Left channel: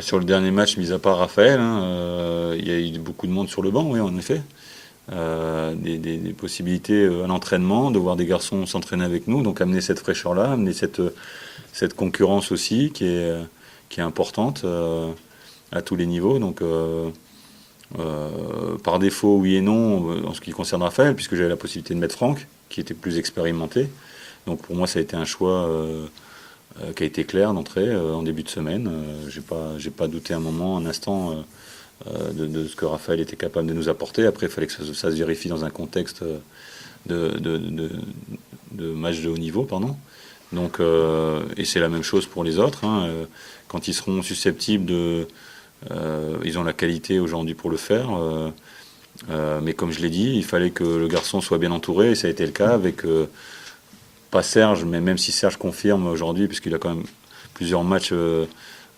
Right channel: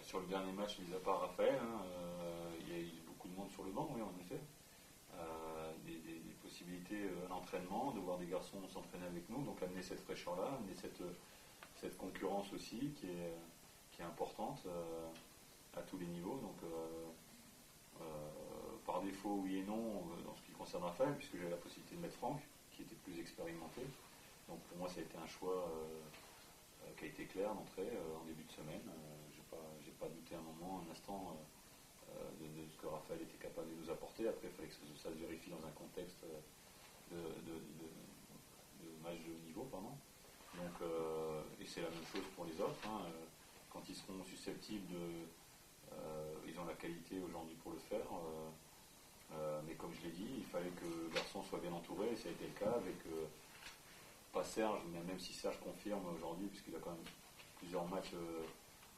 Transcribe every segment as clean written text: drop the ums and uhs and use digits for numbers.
Sur le dernier match, mis à part Raphaël, hein, il y a eu beaucoup de monde sur le banc, oui, en effet. Des possibilités à l'entraînement, de voir des garçons s'entraîner avec nous, donc amener cette fraîcheur-là, amener cette concurrence aussi qui est importante à tous les niveaux. Donc, par défaut, oui et non, en ce qui concerne Raphaël, puisque j'avais la possibilité de mettre Franck, qui était plus expérimenté. Donc pour moi, ça a été un choix qui a été clair d'entrée en début de semaine. J'ai pas douté un moment, un instant de ce que Raphaël était capable de nous apporter. Après, il fallait que ça se vérifie dans un contexte de, de, de- de match de haut niveau, pardon. Donc, et c'est la même chose pour les autres, hein. Quand ils seront susceptibles ils ont la qualité aujourd'hui pour le faire. Mais comme je l'ai dit, il fallait que le garçon soit bien entouré, et ça a été le cas avec pas Serge, mais même si Serge confirme aujourd'hui, puisqu'il a quand même plusieurs matchs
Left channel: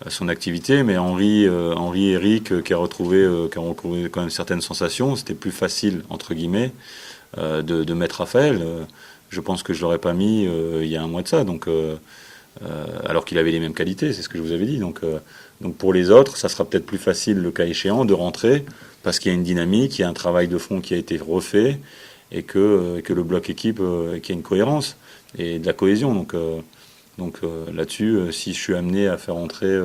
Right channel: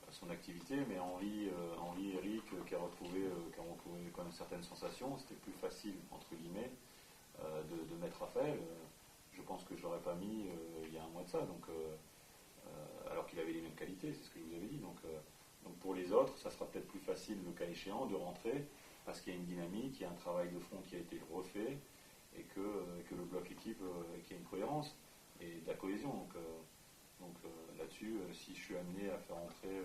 à son activité, mais Henri et Eric qui ont retrouvé quand même certaines sensations, c'était plus facile, entre guillemets, de mettre Raphaël. Je pense que je l'aurais pas mis il y a un mois de ça, alors qu'il avait les mêmes qualités, c'est ce que je vous avais dit. Donc pour les autres, ça sera peut-être plus facile, le cas échéant, de rentrer, parce qu'il y a une dynamique, il y a un travail de fond qui a été refait, et que le bloc équipe, qu'il y a une cohérence et de la cohésion. Là-dessus, si je suis amené à faire entrer,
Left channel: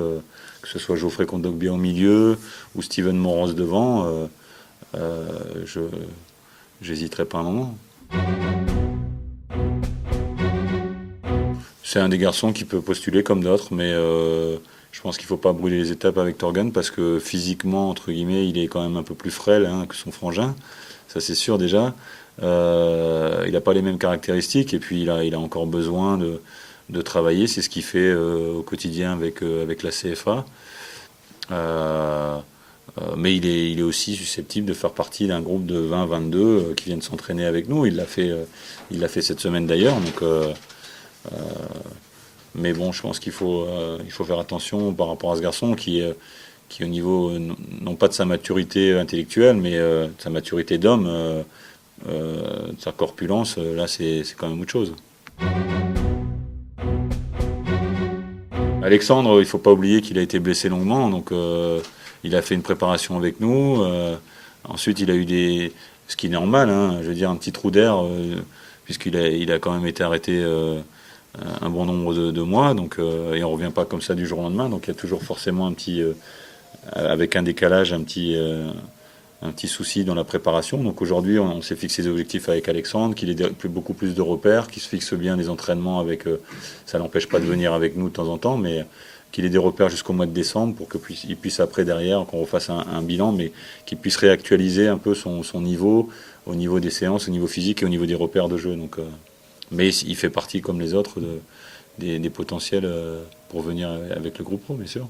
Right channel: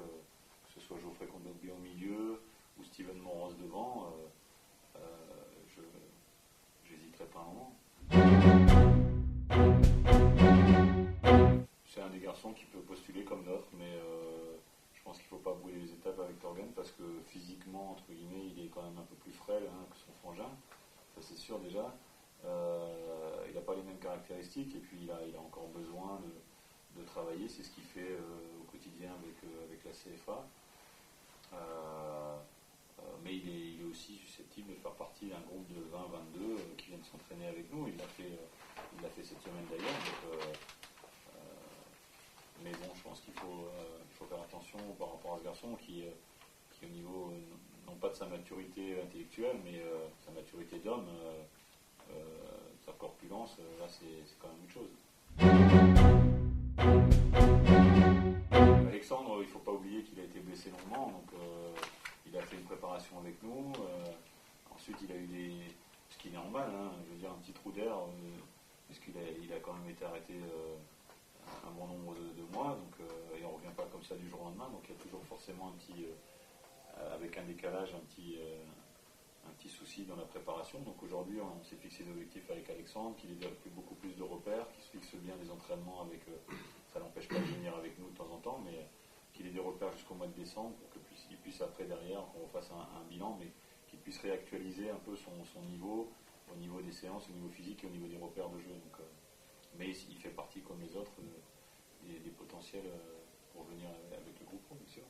que ce soit Geoffrey Kondogbia au milieu ou Steven Moros devant, je j'hésiterai pas un moment. C'est un des garçons qui peut postuler comme d'autres, mais je pense qu'il ne faut pas brûler les étapes avec Torgan parce que physiquement, entre guillemets, il est quand même un peu plus frêle, hein, que son frangin. Ça, c'est sûr déjà. Il n'a pas les mêmes caractéristiques et puis il a encore besoin de travailler. C'est ce qu'il fait au quotidien avec la CFA. Euh, mais il est aussi susceptible de faire partie d'un groupe de 20-22 qui viennent s'entraîner avec nous. Il l'a fait cette semaine d'ailleurs. Mais bon, je pense il faut faire attention par rapport à ce garçon qui au niveau, non pas de sa maturité intellectuelle, mais de sa maturité d'homme, de sa corpulence, là c'est quand même autre chose. Alexandre, il faut pas oublier qu'il a été blessé longuement, donc il a fait une préparation avec nous. Ensuite, ce qui est normal, hein, je veux dire un petit trou d'air, il a quand même été arrêté un bon nombre de mois, et on revient pas comme ça du jour au lendemain, donc il y a toujours forcément avec un décalage, un petit souci dans la préparation. Donc aujourd'hui, on s'est fixé des objectifs avec Alexandre, qu'il ait beaucoup plus de repères, qu'il se fixe bien des entraînements ça n'empêche pas de venir avec nous de temps en temps, mais qu'il ait des repères jusqu'au mois de décembre pour qu'il puisse après derrière, qu'on refasse un bilan, mais qu'il puisse réactualiser un peu son niveau au niveau des séances, au niveau physique et au niveau des repères de jeu. Mais il fait partie, comme les autres, des potentiels pour venir avec le groupe pro, bien sûr.